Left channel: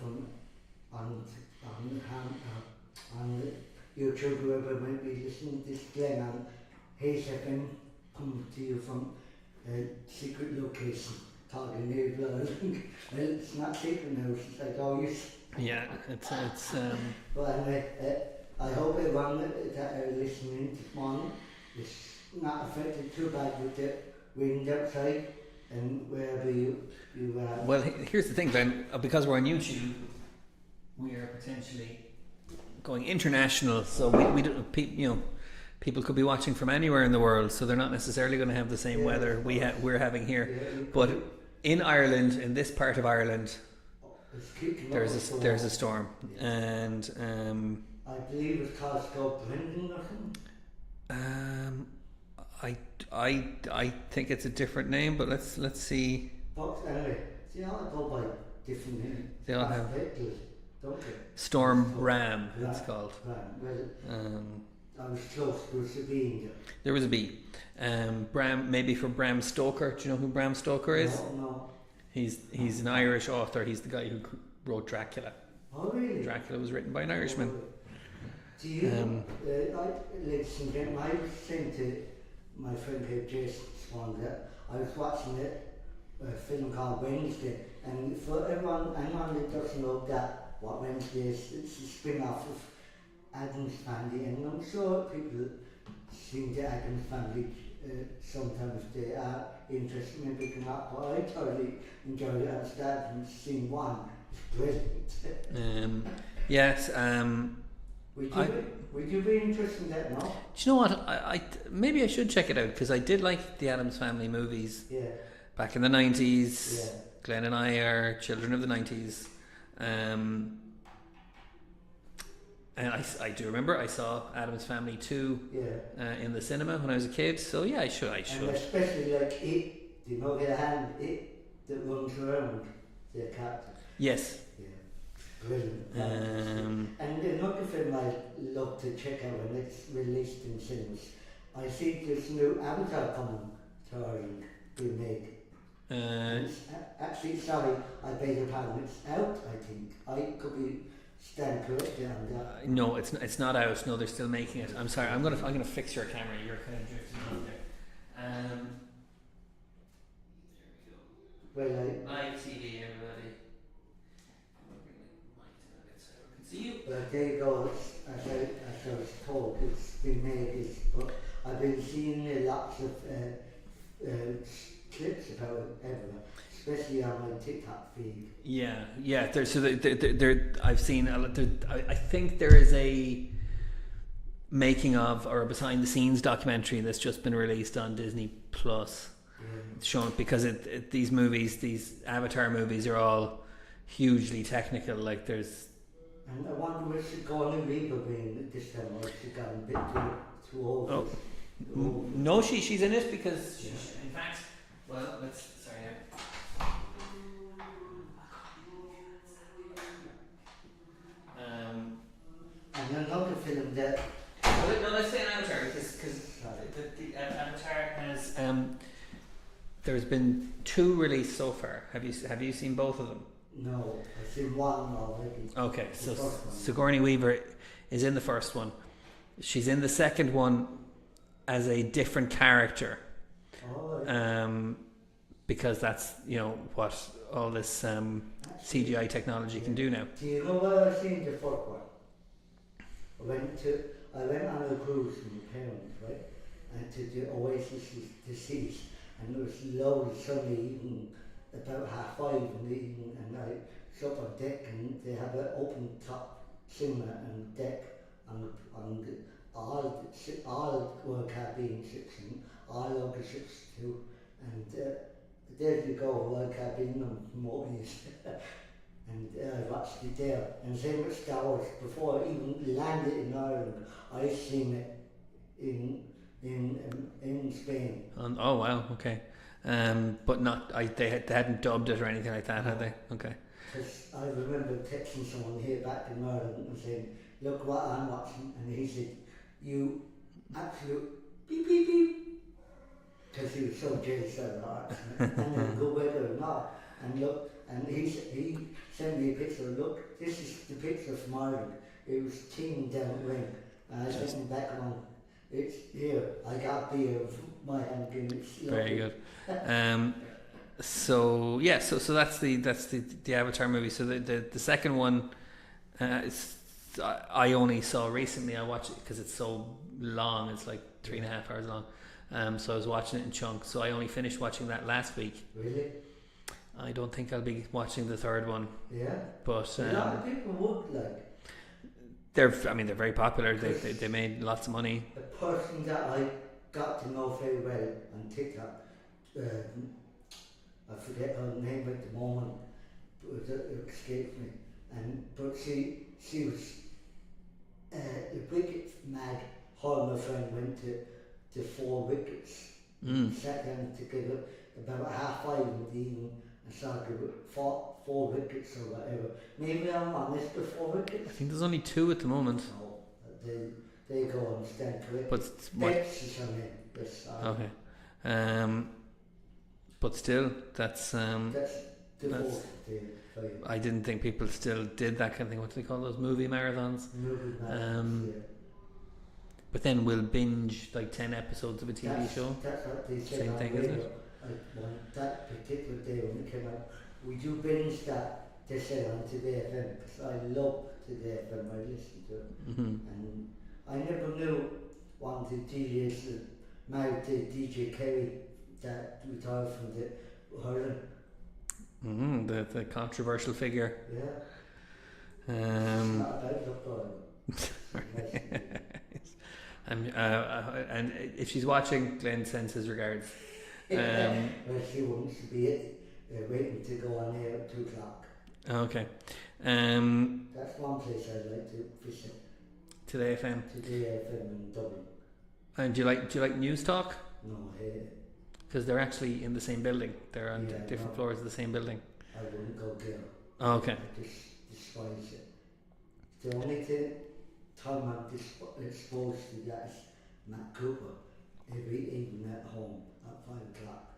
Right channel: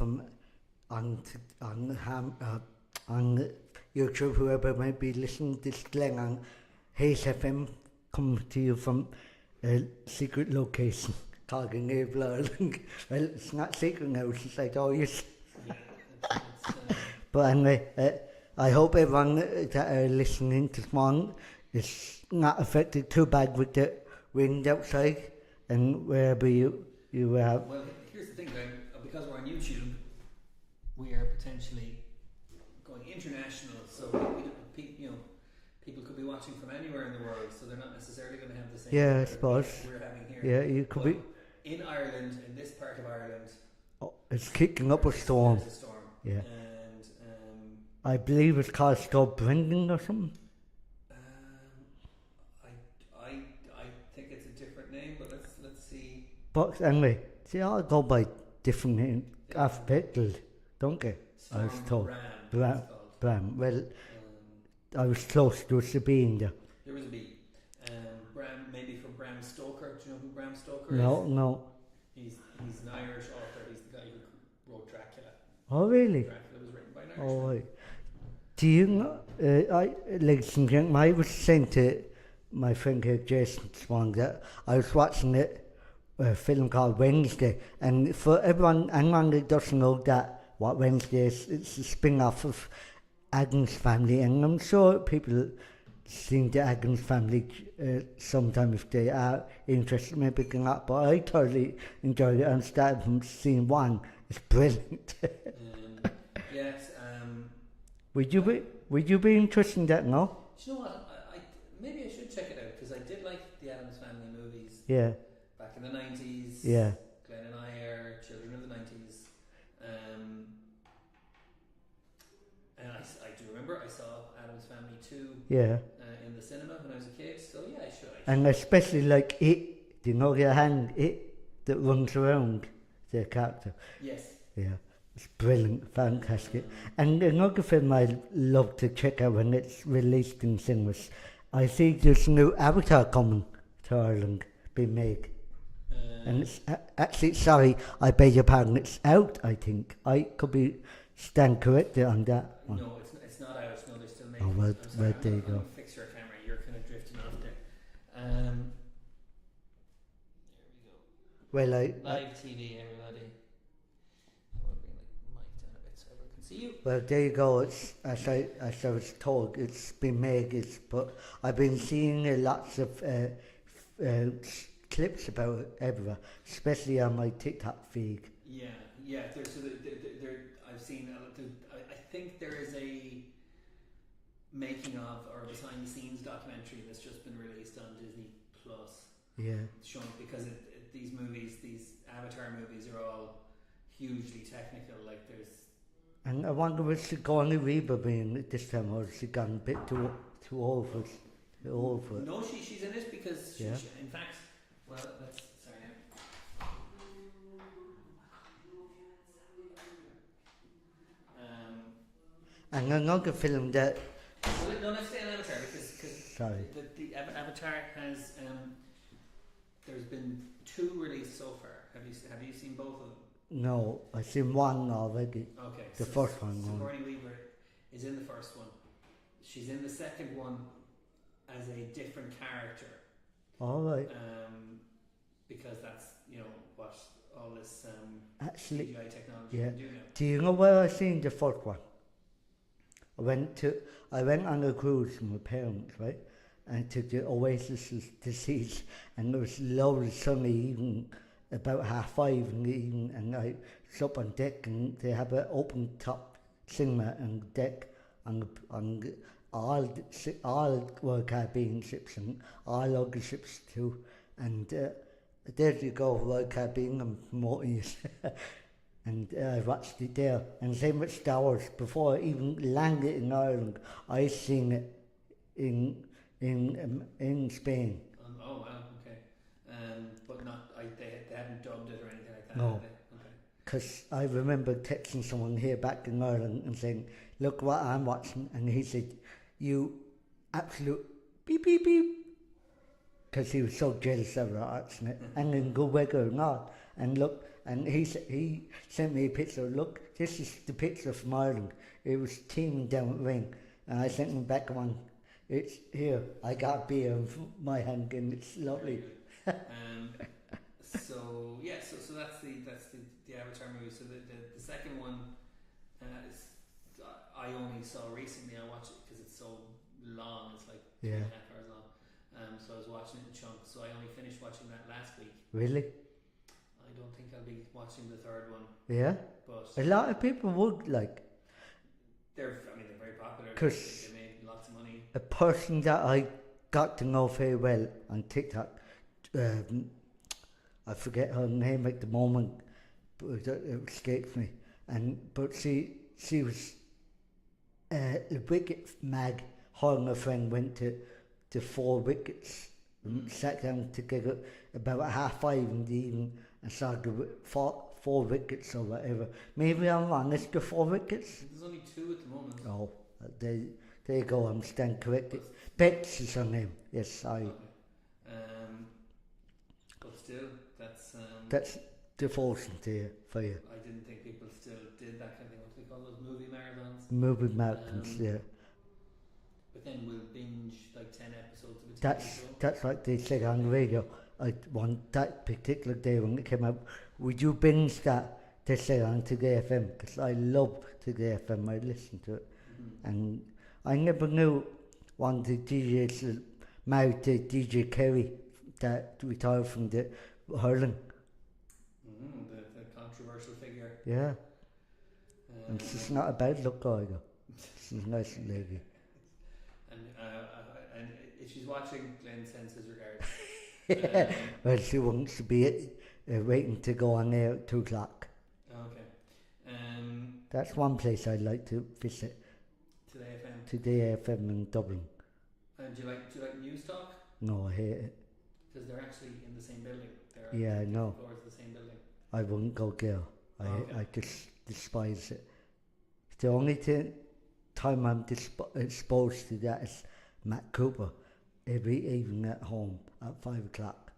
from on YouTube, whoever might be listening to this, Glen on Hayes FM, coming to you from a secret location, talking Naval Ireland. Well, it's not secret now, it's just like, oh yes. Yeah, it's But anyway, I hope everyone that are listening this morning is not affected too bad with the wind outside, and wherever you are. Well, here's the thing, Glenn. Because we're on YouTube, we are potentially going international. So we don't, people could be watching from anywhere in the world. So they're not necessarily going to have the same weather we're having here. Yeah, you but in Ireland, in this part of Ireland, it's kicking up a storm. There's a storm, yeah. And I believe it's called Storm Brendan or something. I think it's a different name, but let's see. But anyway, they all go by different names. They all have don't they? Storm Bram. It's called Bram. Well, I was close. There was a B in there. There was a B. Bram, maybe for Bram Stoker. Do you know who Bram Stoker is? No. He's an Irish author. He's the guy who wrote Dracula. Oh really? Dracula was written by an Irishman. Oh, right. Do you know? Ladies and gentlemen, I was saying to my friend here, Jason Swan, that I was watching a film called Wednesday, and for anyone that doesn't know that what Wednesday is, it's a spin-off of Addams Family, and I'm sure people seen the Addams Family sometime if they are interested, maybe can up. But I totally enjoyed it and started from scene one. It's brilliant. Yes. Would you be interested in that? No. Do you know what? I maybe I should check it out, because I did like the Addams Family movies. Yeah. Back in the 90s. Yeah. Glenn and I are children of the 90s. And I do remember I saw Addams Family 2 in the cinema when I was a kid. So yeah, I should. And especially like it, do you know your hand, it that runs around the character. Yes. Yeah. It's brilliant, fantastic. And another film I love to check out when it's released in cinemas, I see there's a new Avatar coming to Ireland, being made. And it's actually, sorry, I beg your pardon, it's out, I think. I could be stand corrected on that. No, it's not out. No, they're still making it. I'm sorry. I'm gonna fix your camera. You're kind of drifting on there. There we go. Well, live TV, everybody. So I can see you. Well, there you go. It's as I was told, it's been made. But I've been seeing lots of clips about it everywhere, especially on my TikTok feed. Yeah. I've seen. I think there is a making of or a behind the scenes documentary that's just been released on Disney Plus. Yeah. It's shown because these movies, these Avatar movies, are all hugely technical. Like there's. And I wonder was she going to Reba being this time, or has she gone a bit too old? Oh. No, she's in it because yeah. In fact, well, let's. Sorry. And another film that. No, let's say an Avatar because the Avatar has. There's been 2 released so far. Have you seen both of them? No, I've seen one already. Okay, the first one. Sigourney Weaver is in the first one. She's in the second one as a different character. All right. Because that's what all this CGI technology can do now. Do you know where I seen the first one? I went on a cruise with my parents, right, and to the Oasis to see, and it was lovely sunny evening, about 5:30 in the evening, and I was up on deck, and they have an open top cinema and deck on all World Caribbean ships and all other ships too, and there you go, World Caribbean and promoting it. And I watched it there, and same with Star Wars. Before I even landed in Ireland, I seen it in Spain. Oh wow, okay. But not they hadn't dubbed it or anything like that, had they? Okay. Because I remember texting someone here back in Ireland and saying, "Look what I'm watching," and he said, "You absolute beep beep beep," because he was so jealous of our accent and then good weather and all. And look. And he sent me a picture. Look, this is the picture from Ireland. It was teeming down with rain, and I sent him back on. It's here. I got a beer of my hand game. It's lovely. Very good. So that's the Avatar movie. So the second one, I only saw recently. I watched it because it's so long. It's like 3.5 hours long. So I was watching it in chunks. So I only finished watching that last week. Really? I don't think I'll be watching the third one. Yeah. But a lot of people would like. They're very popular. They made lots of money. A person that I got to know very well on TikTok, I forget her name at the moment, but it escapes me. But she was a wicket mag. Her and her friend went to 4 wickets. Sat down together about 5:30 in the evening and started with four wickets or whatever. Maybe I'm wrong. Is there 4 wickets? I think there's only 2 at the moment. Oh, there you go. I'm stand correct. But Bex is her name. Yes, I. Okay. But still, that's devotion to you, for you. I didn't think people still did that kind of thing. What do they call those movie marathons? Movie marathons, yeah. But then we'll binge like 10 episodes of a TV show. That's what they said on the radio. That particular day when it came out, would you binge that? They said on Today FM, because I love Today FM. I listen to it, and I never knew one of the DJs married to DJ Kerry that retired from the hurling. The controversial figure. Yeah. She's not a bad look either. She's a nice lady. And if she's watching, Glen sends his regards. Well, she wants to be waiting to go on there at 2 o'clock. Okay. That's one place I'd like to visit. Today FM. Today FM in Dublin. And do you like News Talk? No, I hate it. Because they're actually in the same building. They're on different floors of the same building. I wouldn't go there. Okay. I just despise it. The only time I'm exposed to that is Matt Cooper every evening at home at 5 o'clock.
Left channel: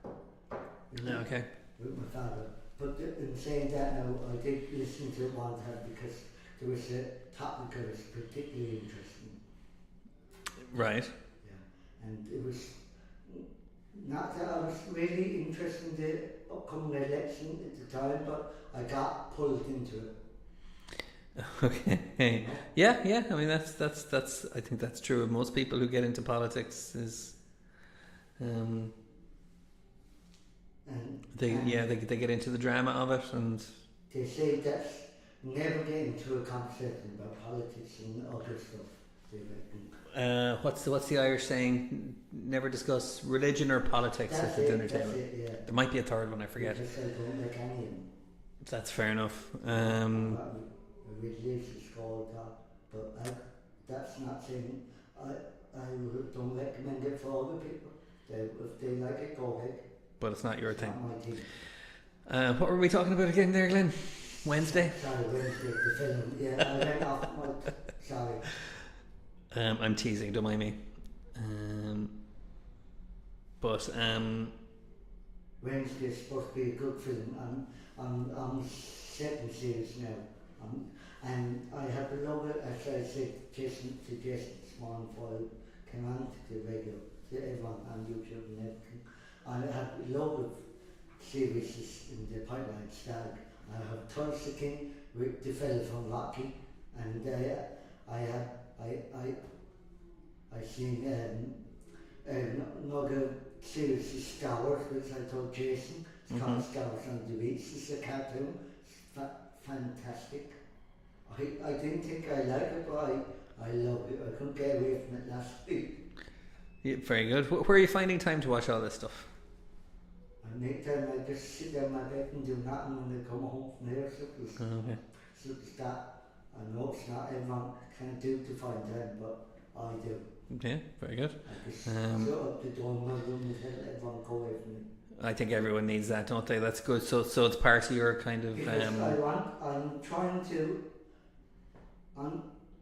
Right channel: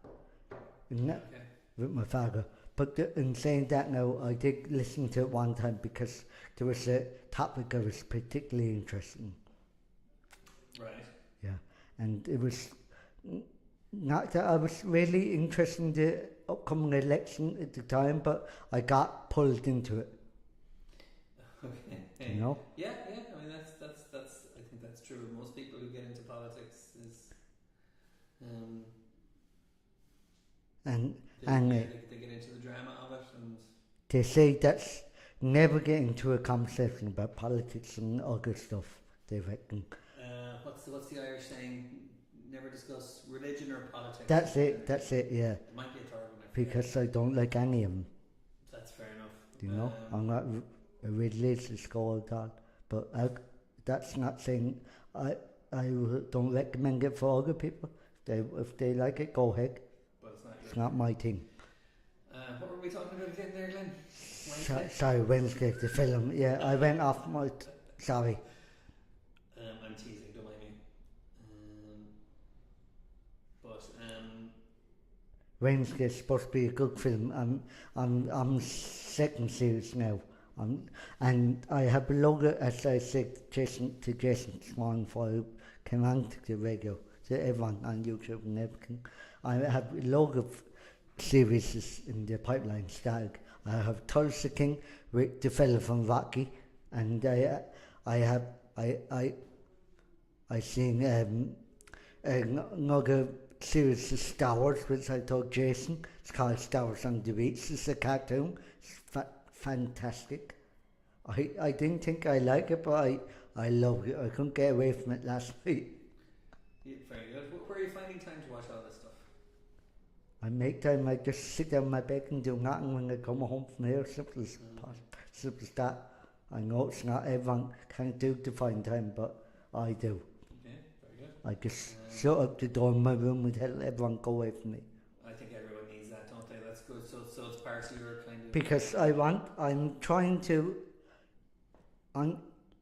Okay. With my father. But in saying that now, I did listen to it one time because there was a topic I was particularly interested in. Right. Yeah. And it was not that I was really interested in the upcoming election at the time, but I got pulled into it. Okay. You know? Yeah. I mean, that's. I think that's true of most people who get into politics. Is, they get into the drama of it, and they say that's never get into a conversation about politics and other stuff. They reckon. What's the Irish saying? Never discuss religion or politics. That's it. Yeah. There might be a third one. I forget. Because I don't like any of them. That's fair enough. I'm not a religious scholar, but that's not saying I don't recommend it for other people. If they like it, go ahead. But it's not your it's thing. Not my thing. What were we talking about again there, Glen? Wednesday? Sorry, Wednesday, the film. Yeah, I went off my... Sorry. I'm teasing, don't mind me. Wednesday's supposed to be a good film. I'm second series now. And I have a logo, as I said, Jason Swan for came on to the radio, to everyone on YouTube and everything. I have a lot of series in the pipeline stag. I have Tulsa King with the fella from Rocky, and I seen another series of Star Wars, which I told Jason. It's called Star Wars on the Beach. It's a cartoon. It's fantastic. I didn't think I like it, but I love it. I couldn't get away from it last week. Yeah, very good. Where are you finding time to watch all this stuff? I make time. I just sit down my bed and do nothing when I come home from here. Simple as that. I know it's not everyone can do to find time, but I do. Yeah, very good. I just shut up the door in my room and tell everyone go away from me. I think everyone needs that, don't they? That's good. So it's part of your kind of... Because I'm trying to...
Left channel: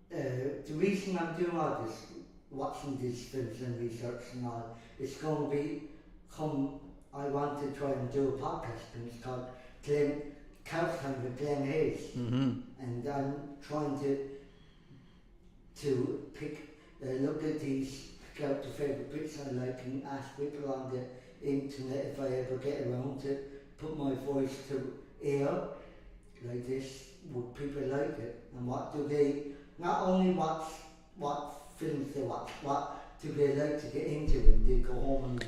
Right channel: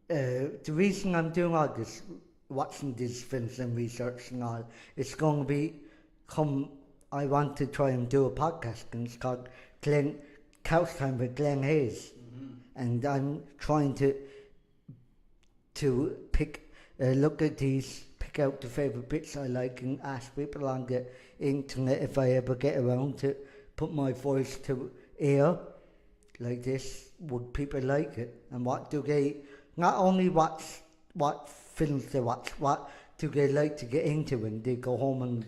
the reason I'm doing all this, watching these films and research and all, it's going to be... I want to try and do a podcast, and it's called Glen couch time with Glen and I'm trying to look at these, pick out the favourite bits I like, and ask people on the internet if I ever get around to put my voice to air like this. Would people like it? And what do they, not only what films they watch, what do they like to get into when they go home and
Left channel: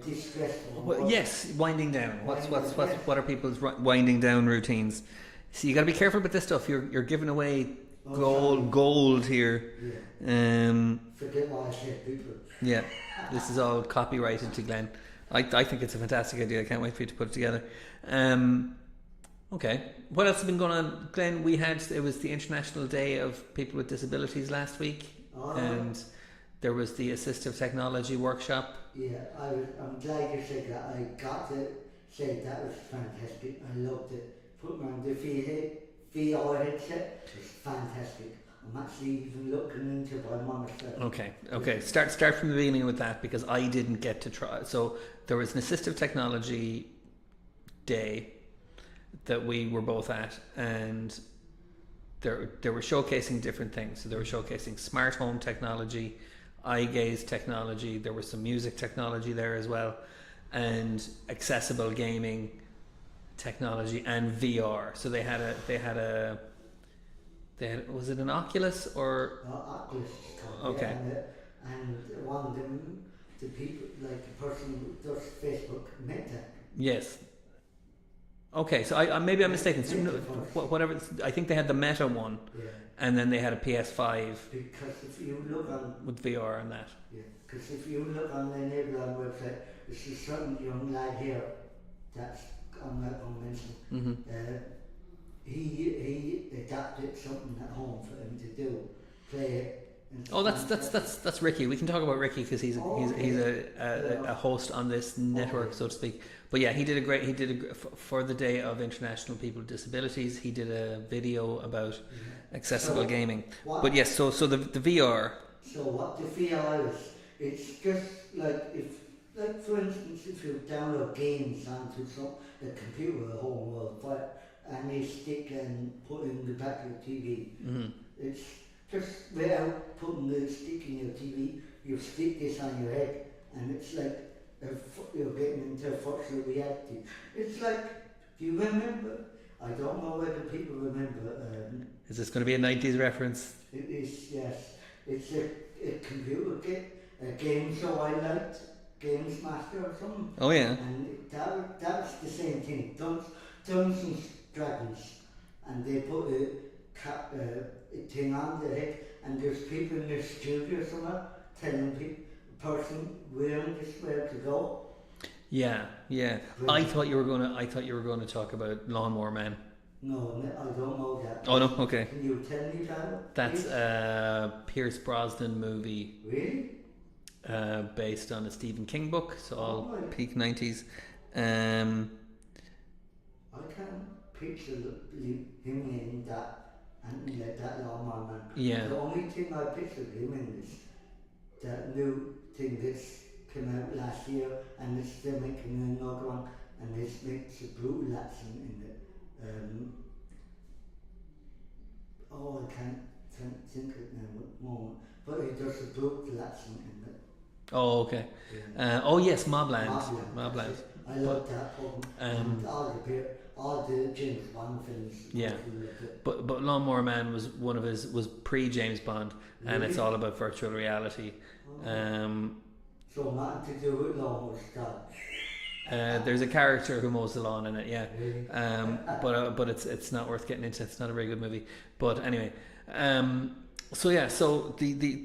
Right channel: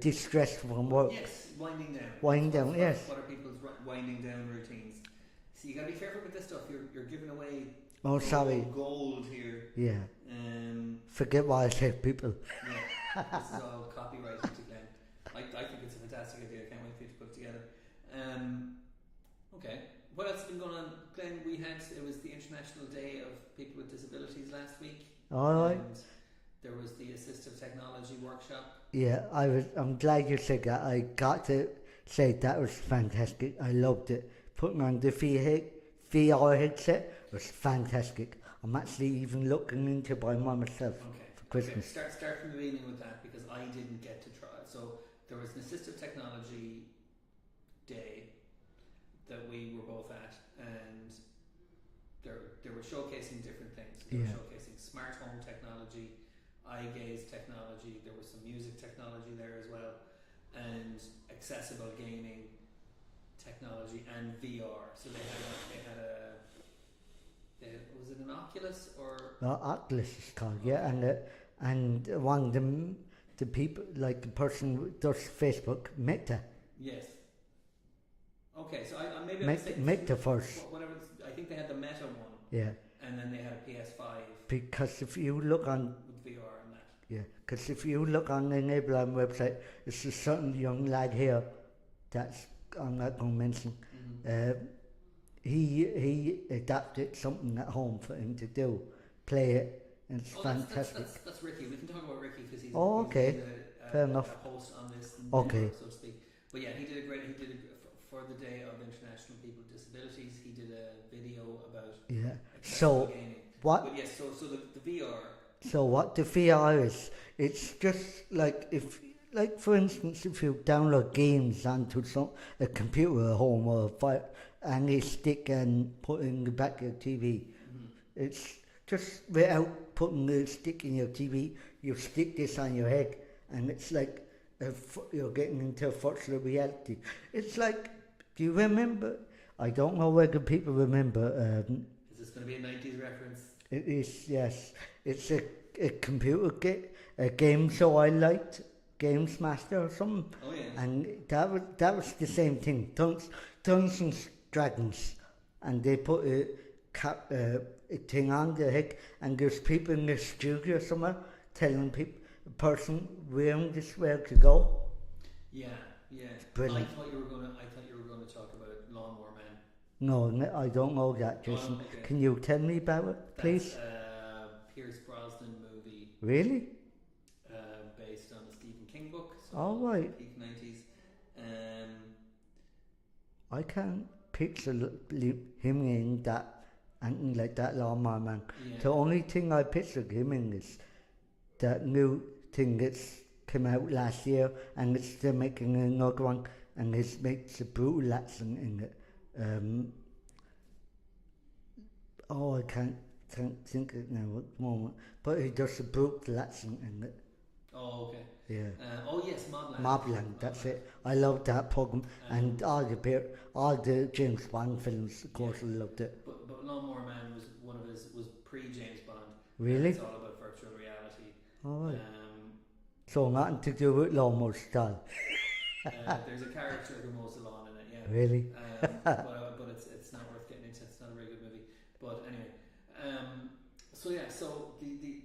distress from work? Yes, winding down. Yes. What are people's winding down routines? So you got to be careful with this stuff. You're giving away gold here. Yeah. Forget what I said, people. Yeah, this is all copyrighted to Glen. I think it's a fantastic idea. I can't wait for you to put it together. Okay, what else has been going on, Glen? It was the International Day of People with Disabilities last week, and there was the Assistive Technology Workshop. Yeah, I'm glad you said that. I got to say that was fantastic. I loved it. Putting on the VR headset was fantastic. I'm actually even looking into buying one myself. Okay. Start from the beginning with that, because I didn't get to try. So there was an Assistive Technology Day that we were both at, and they were showcasing different things. So they were showcasing smart home technology, eye gaze technology. There was some music technology there as well, and accessible gaming technology and VR. So they had was it an Oculus or? No, Oculus is called. Okay. Yeah, and one of them, the people, like the person who does Facebook, Meta. Yes. Okay, so I maybe I'm mistaken. Meta first. Whatever. I think they had the Meta one. Yeah. And then they had a PS5. Because if you look on with VR and that. Yeah. Because if you look on the Enabler website, there's a certain young lad here that's I'm not going to mention. Mm-hmm. He adapted something at home for him to do, play it. Oh, that's Ricky. We can talk about Ricky because he's a host on this network, so to speak. But yeah, for the Day of International People with Disabilities. He did a video about accessible gaming. But yes, so the VR. So what the VR is? It's just like for instance, if you download games onto a computer at home or any stick and put it in the back of your TV, it's just without putting the stick in your TV, you stick this on your head, and it's like you're getting into virtual reality. It's like, do you remember? I don't know whether people remember. Is this going to be a 90s reference? It is, yes. It's a computer game show I liked, Games Master or something. Oh yeah. And that was the same thing. Dungeons and Dragons, and they put a thing on the head, and there's people in the studio somewhere telling person wearing this where to go. Yeah. Brilliant. I thought you were going to talk about Lawnmower Man. No, I don't know that. Oh no, okay. Can you tell me about it? That's please? a Pierce Brosnan movie. Really? Based on a Stephen King book, so all right. Peak 90s. I can't picture him in that, anything like that, Lawnmower Man. Yeah. The only thing I pictured him in is that new thing that's came out last year, and it's still making another one, and it makes a brutal accent in it. I can't think it now at the moment, but it does a brutal accent in it. Oh, okay. Yeah. Yes, Mobland. Mobland. I loved that program, and all the James Bond films. Of course, I loved it. But Lawnmower Man was pre James Bond, really? And it's all about virtual reality. So nothing to do with lawnmower style. There's a character who mows the lawn in it, yeah. Really? But it's not worth getting into. It's not a very good movie. But anyway, so the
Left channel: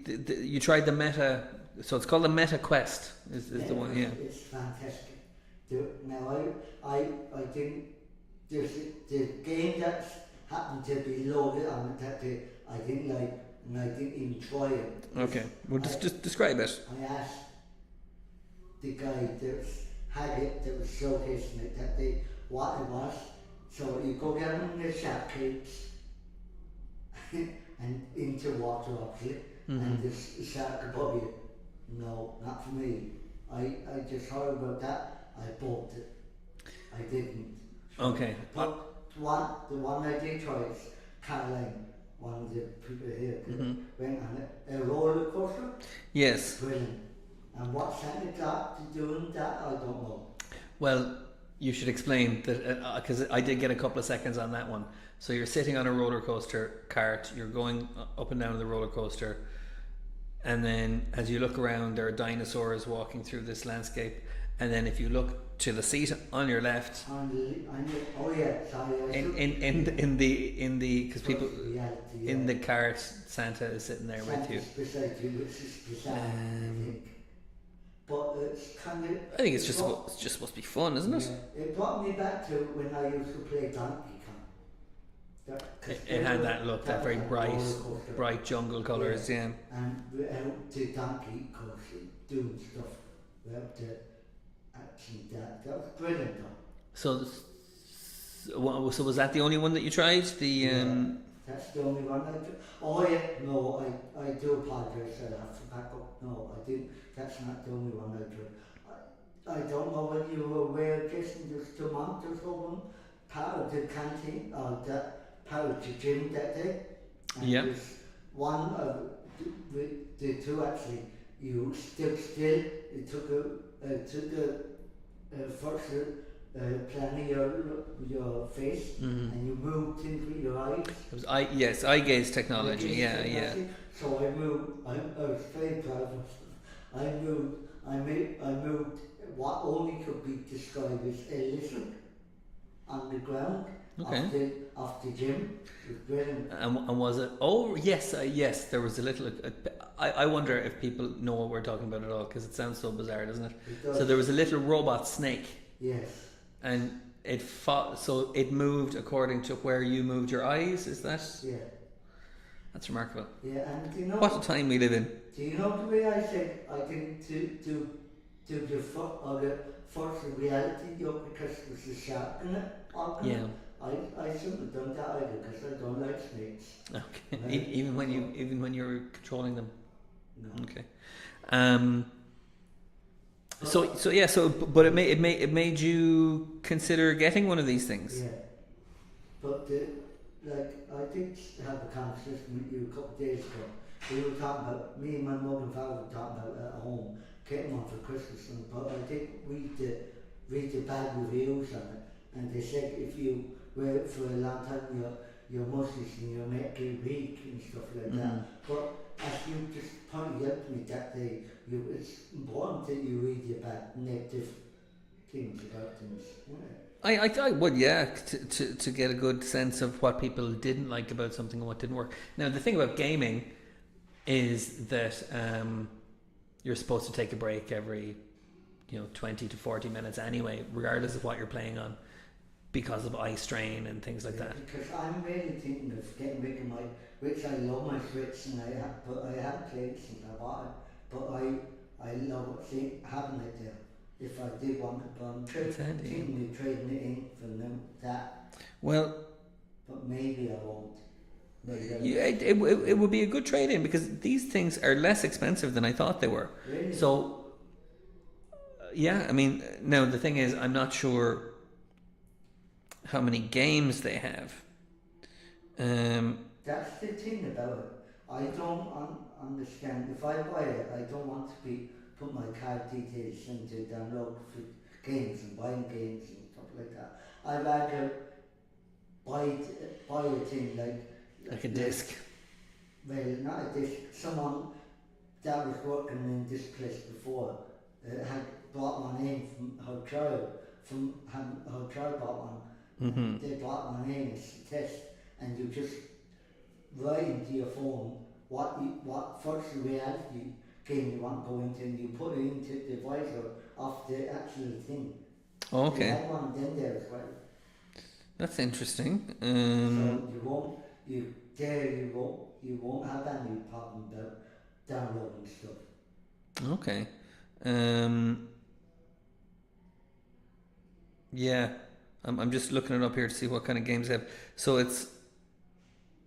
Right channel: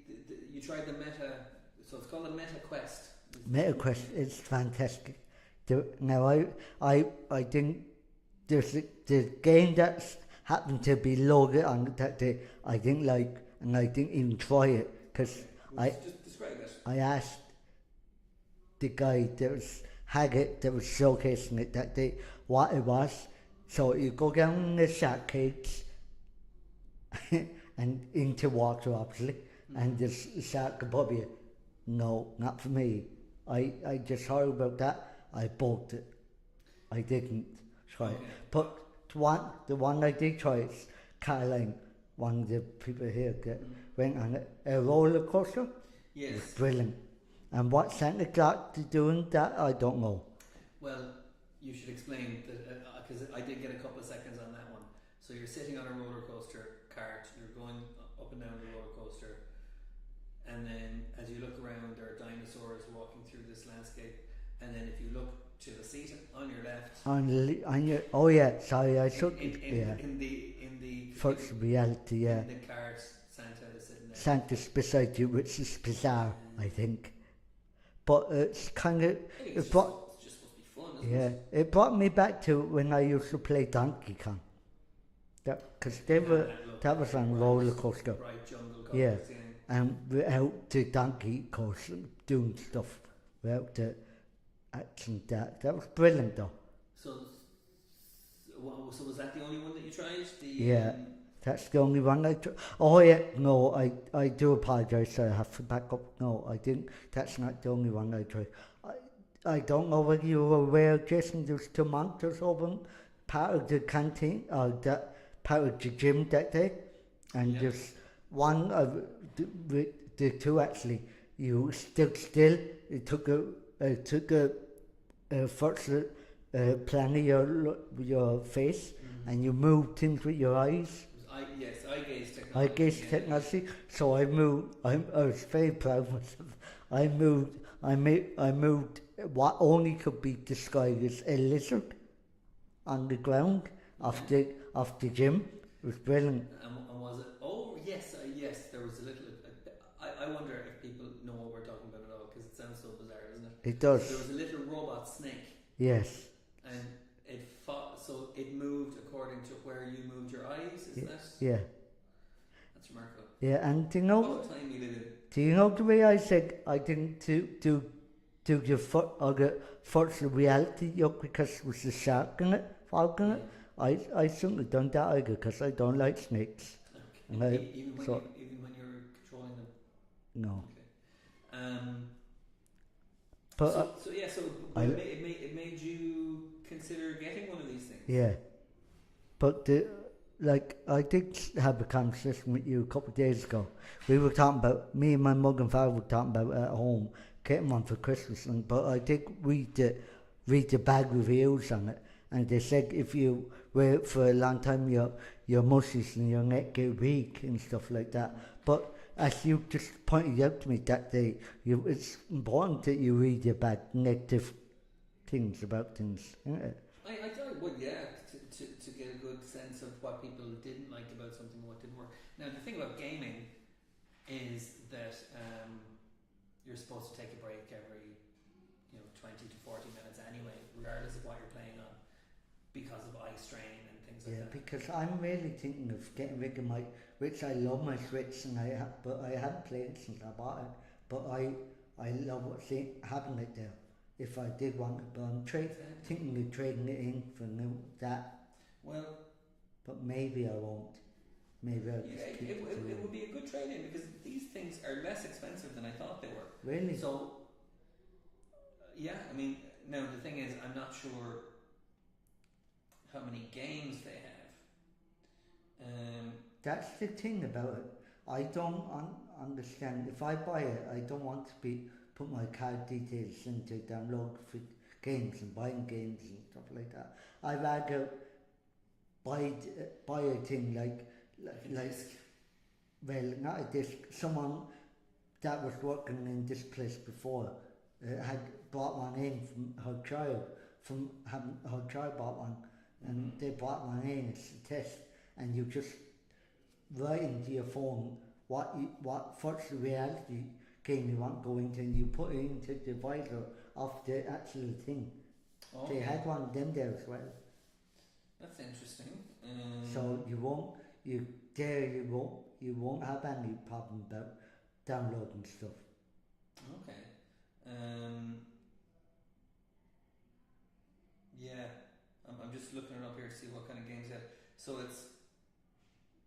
you tried the Meta. So it's called the Meta Quest. Meta Quest. Yeah. It's fantastic. Now I think there's the game that's happened to be loaded on that day. I didn't like, and I didn't even try it. Okay, well, just describe it. I asked the guy that was showcasing it that day what it was. So you go down in the shark cage and into water, obviously, and there's a shark above you. No, not for me. I just heard about that. I bought it. I didn't. Okay. But the one I did try is Caroline, one of the people here that went on it. A roller coaster. Yes. Brilliant. And what Santa Claus doing that, I don't know. Well, you should explain that because I did get a couple of seconds on that one. So you're sitting on a roller coaster cart, you're going up and down the roller coaster, and then as you look around, there are dinosaurs walking through this landscape. And then if you look to the seat on your left, on your, oh yeah, sorry, I should. In the because people reality, yeah. in the cart, Santa is sitting there Santa's with you. beside you, which is bizarre, I think. But it's kind of. I think it's just supposed to be fun, isn't it? It brought me back to when I used to play Donkey Kong. It had that look, that very bright jungle colours, yeah. And without the donkey course doing stuff, without the action, that was brilliant though. So was that the only one that you tried? That's the only one I tried. Oh yeah, no, I do apologise. I have to back up. No, I didn't. That's not the only one I tried. I don't know whether you were aware, Jason. There's tomatoes over part of the canteen or that part of the gym that day, and there's one of the two actually. You stood still. It took a first plan of your face, and you moved things with your eyes. It was eye gaze technology. Yeah. So I moved. I was very proud of myself. I moved what only could be described as a lizard on the ground. Okay. Of the gym. It was brilliant. And was it? Oh yes, yes. There was a little. I wonder if people know what we're talking about at all, because it sounds so bizarre, doesn't it? It does. So there was a little robot snake. Yes. And it fought. So it moved according to where you moved your eyes. Is that? Yeah. That's remarkable. Yeah, and do you know what a time we live in? Do you know the way I said I didn't do your foot or the virtual reality yoke because it was a shark in it, falcon? Yeah. I shouldn't have done that either because I don't like snakes. Okay. Even when you're controlling them. No. Okay. But it made you consider getting one of these things. Yeah. But I did have a conversation with you a couple of days ago. We were talking about, me and my mother and father were talking about at home getting one for Christmas, but I did read the bad reviews on it, and they said if you wear it for a long time, your muscles and your neck get weak and stuff like that. But as you just pointed out to me that day, it's important that you read the bad negative things about things, isn't it? I would, yeah, to get a good sense of what people didn't like about something and what didn't work. Now, the thing about gaming is that you're supposed to take a break every 20 to 40 minutes anyway, regardless of what you're playing on, because of eye strain and things like that. Because I'm really thinking of getting rid of which I love my Switch, and I haven't played it since I bought it, but I love having it there. If I did want it, but I'm thinking of trading it in for that. Well, but maybe I won't. It would be a good trade-in because these things are less expensive than I thought they were. Really? So, I mean, now the thing is, I'm not sure how many games they have. That's the thing about it. I don't understand. If I buy it, I don't want to put my card details into download for games and buying games and stuff like that. I'd rather buy a thing like a disc. Well, not a disc. Someone that was working in this place before had bought one in from her child. Her child bought one. Mm-hmm. They bought one in as a test, and you just write into your phone what virtual reality game you want to go into, and you put it into the visor of the actual thing. Oh, okay. They had one in there as well. That's interesting. So you won't have any problem about downloading stuff. Okay. Yeah, I'm just looking it up here to see what kind of games they have. So it's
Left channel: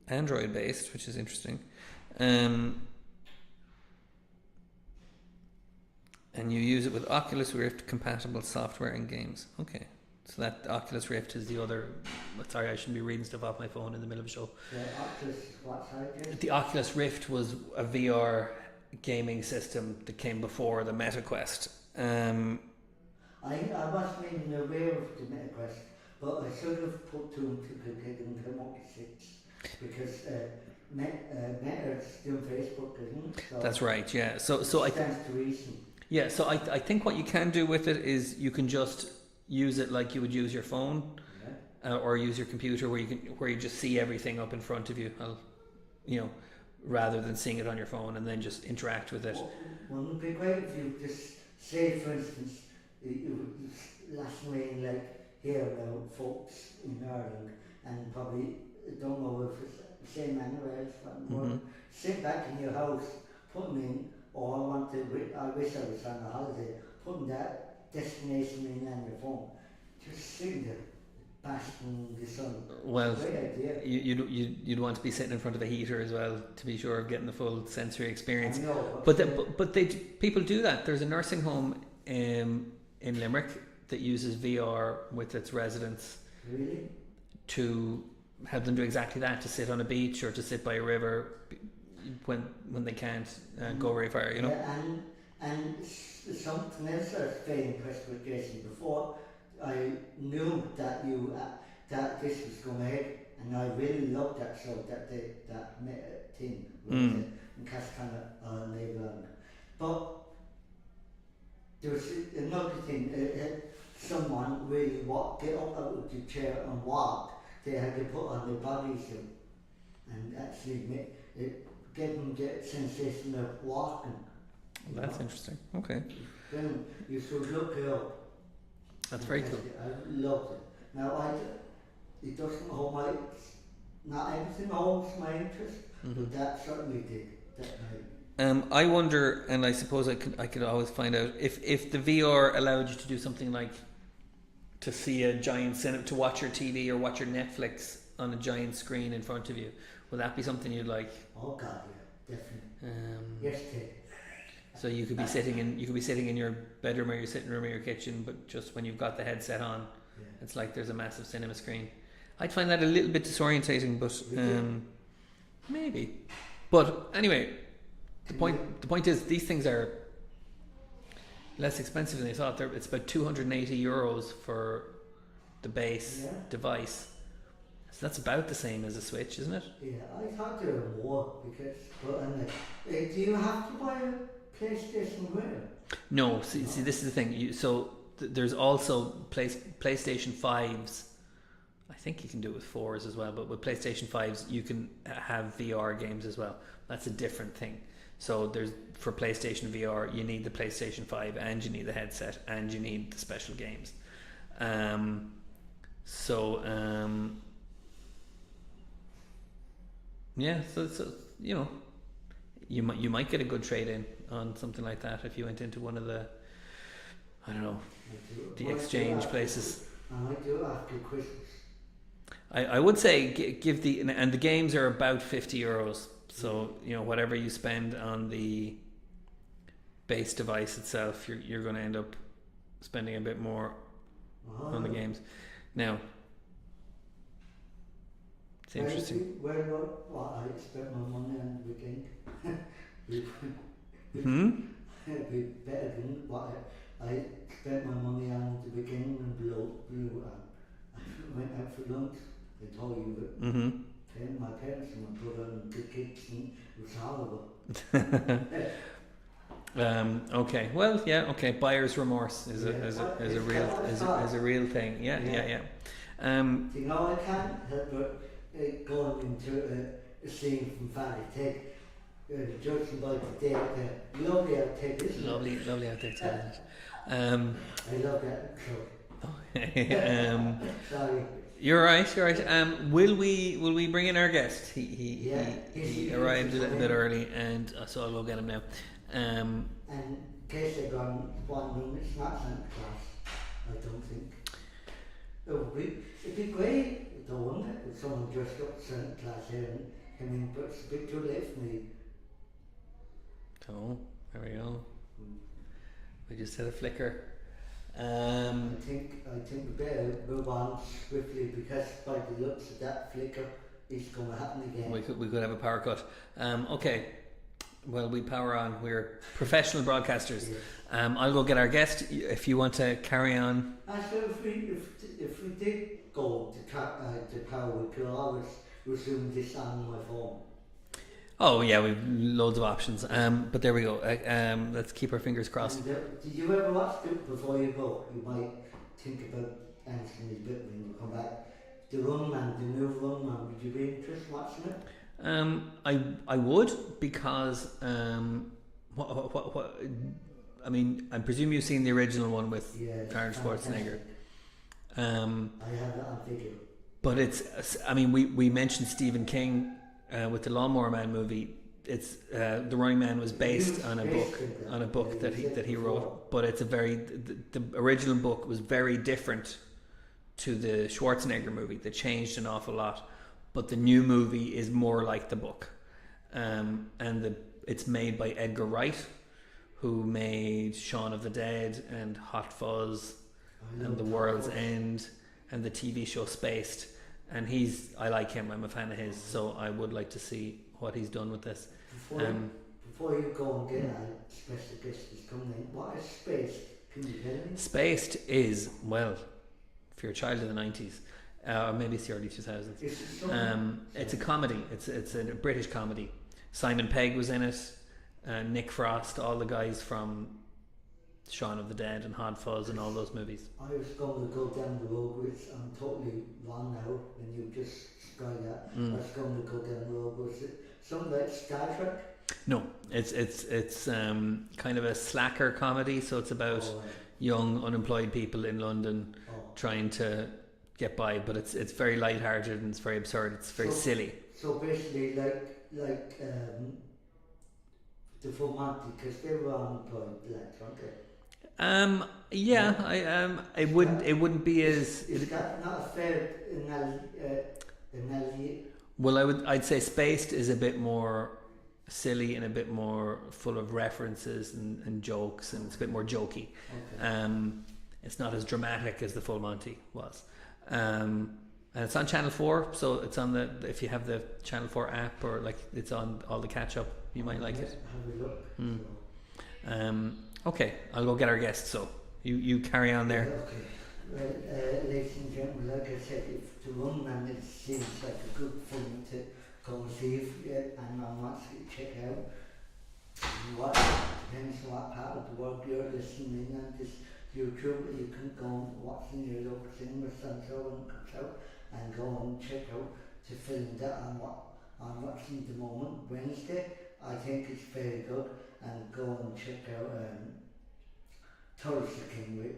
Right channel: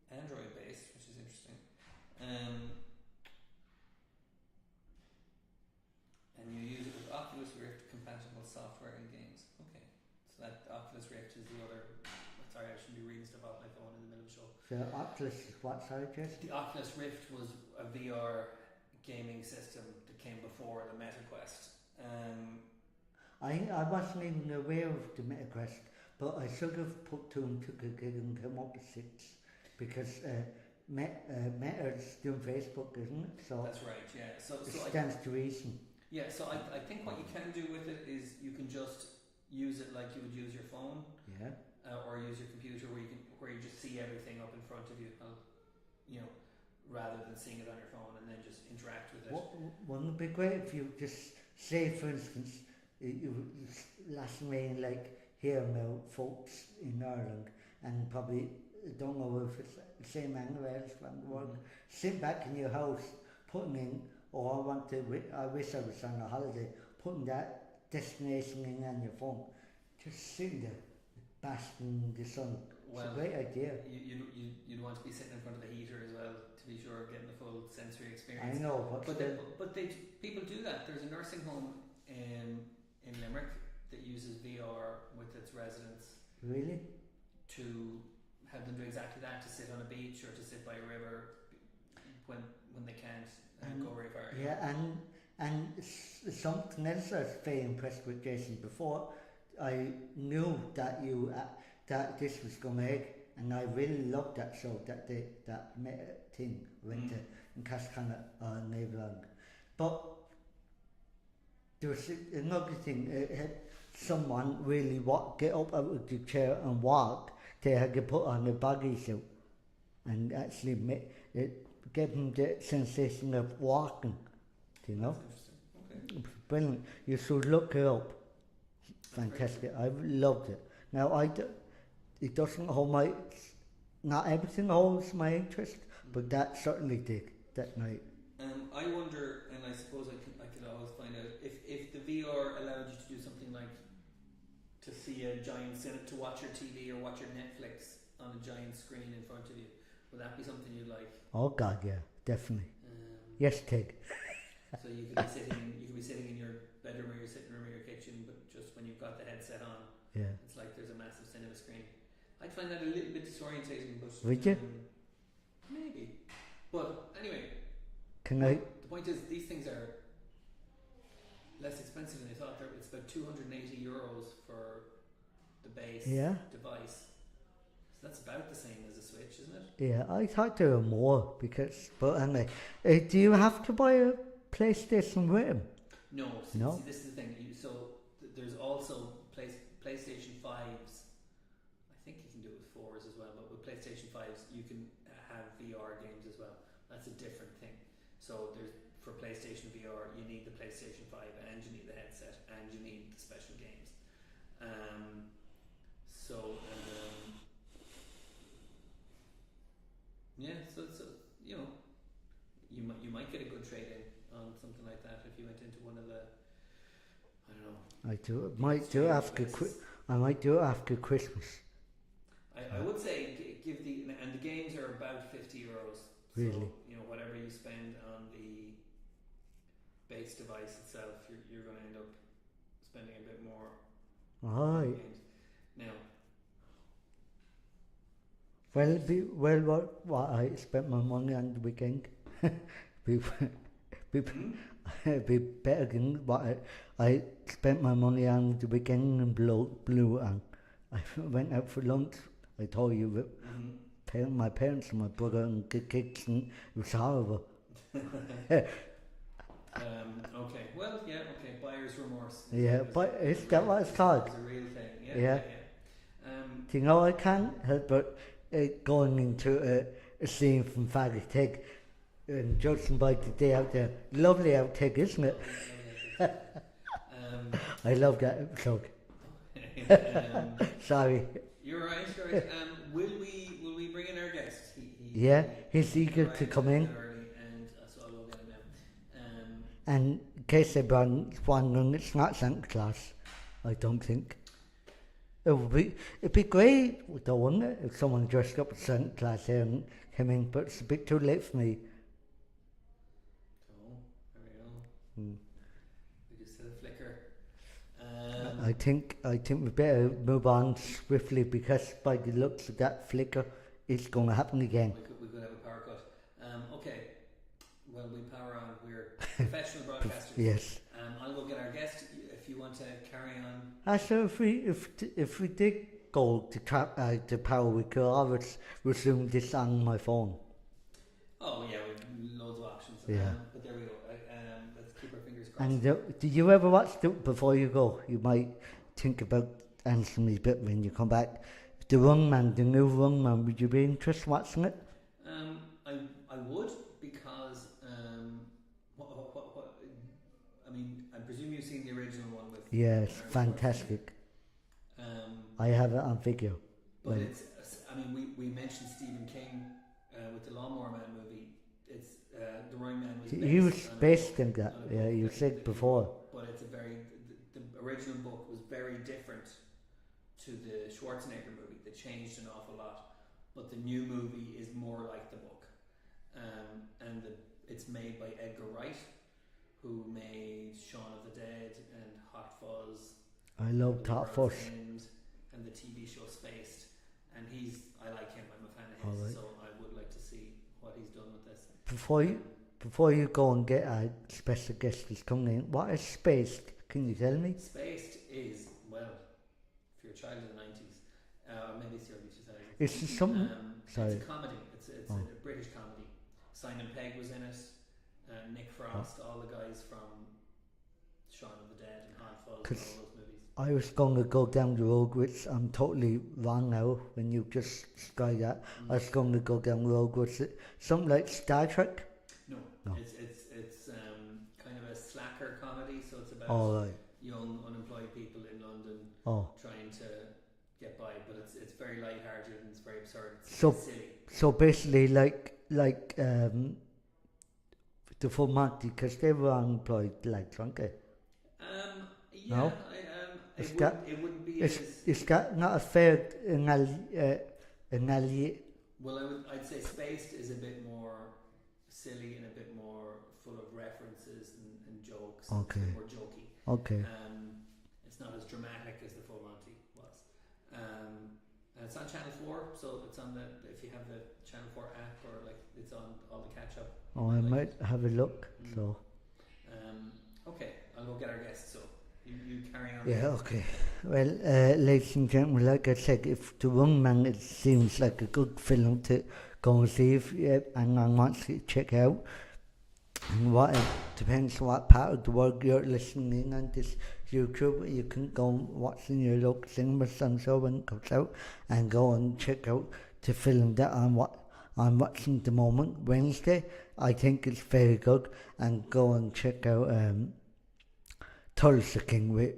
Android based, which is interesting. And you use it with Oculus Rift compatible software and games. Okay, So that Oculus Rift is the other. Sorry, I shouldn't be reading stuff off my phone in the middle of a show. The Oculus is what side, Jason? The Oculus Rift was a VR gaming system that came before the Meta Quest. I wasn't even aware of the MetaQuest, but I sort of put two and two together and came up with 6 because Meta's doing Facebook, isn't it? So that's right, yeah. So it stands to reason. Yeah, so I think what you can do with it is you can just use it like you would use your phone, or use your computer, where you just see everything up in front of you, rather than seeing it on your phone and then just interact with it. Wouldn't it be great if you just say, for instance, last May, like here now, folks in Ireland, and probably don't know if it's the same anywhere else, but sit back in your house, putting in, or I wish I was on a holiday, putting that destination in on your phone, just sitting there, basking in the sun. Well, great idea. You'd want to be sitting in front of a heater as well to be sure of getting the full sensory experience. I know, but people do that. There's a nursing home in Limerick that uses VR with its residents. Really? To help them do exactly that, to sit on a beach or to sit by a river when they can't go very far, you know. Yeah, and something else I was very impressed with, Jason. Before I knew that that this was going ahead, and I really loved that show, that thing with in Cascana or Neighbourland. But there was another thing. Someone really get up out of the chair and walk. They had to put on the bodysuit and actually get them the sensation of walking. That's interesting. Okay. Brilliant. You should look it up. That's very cool. I loved it. Now it doesn't hold not everything holds my interest, but that certainly did that night. I wonder, and I suppose I could always find out if the VR allowed you to do something like to see a giant cinema, to watch your TV or watch your Netflix on a giant screen in front of you. Would that be something you'd like? Oh God, yeah, definitely. Yes, Tig. So you could be sitting in your bedroom or your sitting room or your kitchen, but just when you've got the headset on, it's like there's a massive cinema screen. I'd find that a little bit disorientating, but maybe. But anyway, the point is these things are less expensive than they thought. It's about €280 for the base device. So that's about the same as a Switch, isn't it? Yeah, I thought there were more but anyway, do you have to buy a PlayStation with them? No, see, this is the thing. There's also PlayStation 5s. I think you can do it with 4s as well, but with PlayStation 5s you can have VR games as well. That's a different thing. So for PlayStation VR you need the PlayStation 5 and you need the headset and you need the special games. So you might get a good trade in on something like that if you went into one of the the exchange places. I might do it after Christmas. I would say give and the games are about €50. So whatever you spend on the base device itself, you're going to end up spending a bit more on the games. Now, what I spent my money on the weekend. Be better than what I spent my money on the weekend and blew and I went out for lunch. I told you that my parents and my brother and the kids, and it was horrible. Okay. Well, yeah. Okay. Buyer's remorse is a real thing. Yeah. Do you know, I can't help but going into a scene from Fatty Tig, judging by the day out there. Lovely outtake, isn't it? Lovely outtake, isn't it? I love that episode. Sorry. You're right. Will we bring in our guest? He arrived a little bit early, and so I'll go get him now. And in case everyone's wondering, it's not Santa Claus, I don't think. It'd be great though, wouldn't it, if someone dressed up as Santa Claus here and came in, but it's a bit too late for me. Oh, there we go. We just had a flicker. I think we better move on swiftly because by the looks of that flicker, it's going to happen again. We could have a power cut. Okay. Well, we power on. We're professional broadcasters. Yes. I'll go get our guest. If you want to carry on. So if we did go to power, we could always resume this on my phone. Oh yeah, we've loads of options. But there we go. Let's keep our fingers crossed. And did you ever watch before you go? You might think about answering me a bit when you come back. The Rungman, the new Rungman. Would you be interested in watching it? I would because what I mean, I presume you've seen the original one with Arnold Schwarzenegger. I have it on video. But it's, I mean, we mentioned Stephen King with the Lawnmower Man movie. It's The Running Man was based on a book that he wrote. But it's the original book was very different to the Schwarzenegger movie. That changed an awful lot. But the new movie is more like the book, and it's made by Edgar Wright, who made Shaun of the Dead and Hot Fuzz, and The World's End, and the TV show Spaced. And I like him. I'm a fan of his, so I would like to see what he's done with this. Before you go and get a special guest who's coming in, what is Spaced? Can you tell me? Spaced is, well, if you're a child of the 90s. Maybe it's the early 2000s. It's a comedy. It's a British comedy. Simon Pegg was in it. Nick Frost, all the guys from Shaun of the Dead and Hot Fuzz and all those movies. I was going to go down the road, which I'm totally wrong now when you just sky that. I was going to go down the road with something like Star Trek. No. It's kind of a slacker comedy. So it's about young unemployed people in London trying to get by, but it's very light-hearted and it's very absurd. It's very silly. So basically, like the full Monty, because they were unemployed, weren't they? Yeah, no? It wouldn't be as. Is that not a fair analogy? Well, I'd say Spaced is a bit more silly and a bit more full of references and jokes, and it's a bit more jokey. Okay. It's not as dramatic as the Full Monty was. And it's on Channel 4, so it's on if you have the Channel 4 app, or it's on all the catch up, you might like it. Have a look. So. Okay, I'll go get our guest, so you carry on there. Okay. Well, ladies and gentlemen, like I said, if The Rungman, it seems like a good film to go and see if anyone wants to check out. And it depends on what part of the world you're listening in on this YouTube. You can go and watch in your local cinemas and so when it comes out, and go and check out the film that I'm watching at the moment, Wednesday. I think it's very good, and go and check out Tulsa King with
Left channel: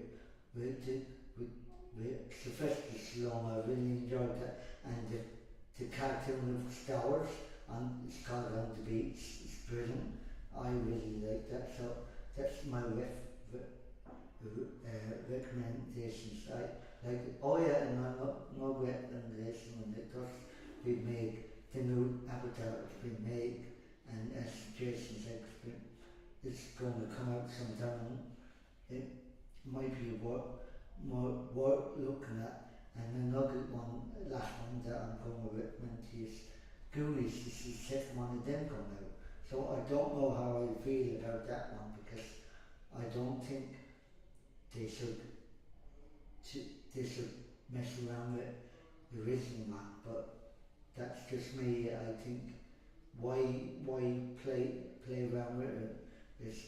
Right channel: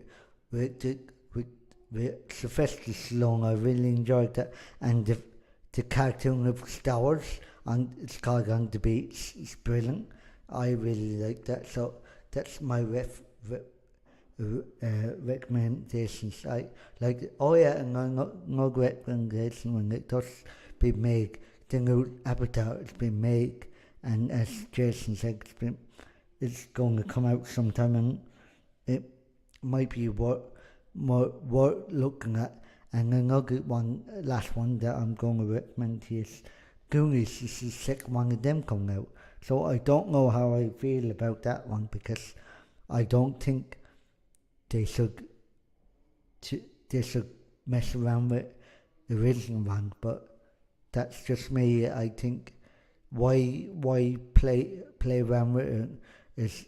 Sylvester Stallone. I really enjoyed that, and the cartoon of Star Wars, and it's called On the Beach. It's brilliant. I really like that, so that's my recommendations. I like it. Oh yeah, and no recommendation when it does be made. The new Avatar has been made, and as Jason said, it's going to come out sometime, and it might be worth looking at. And another last one that I'm going to recommend to you is Goonies. This is the second one of them coming out. So I don't know how I feel about that one, because I don't think they should mess around with the original one, but that's just me. I think why play around with it is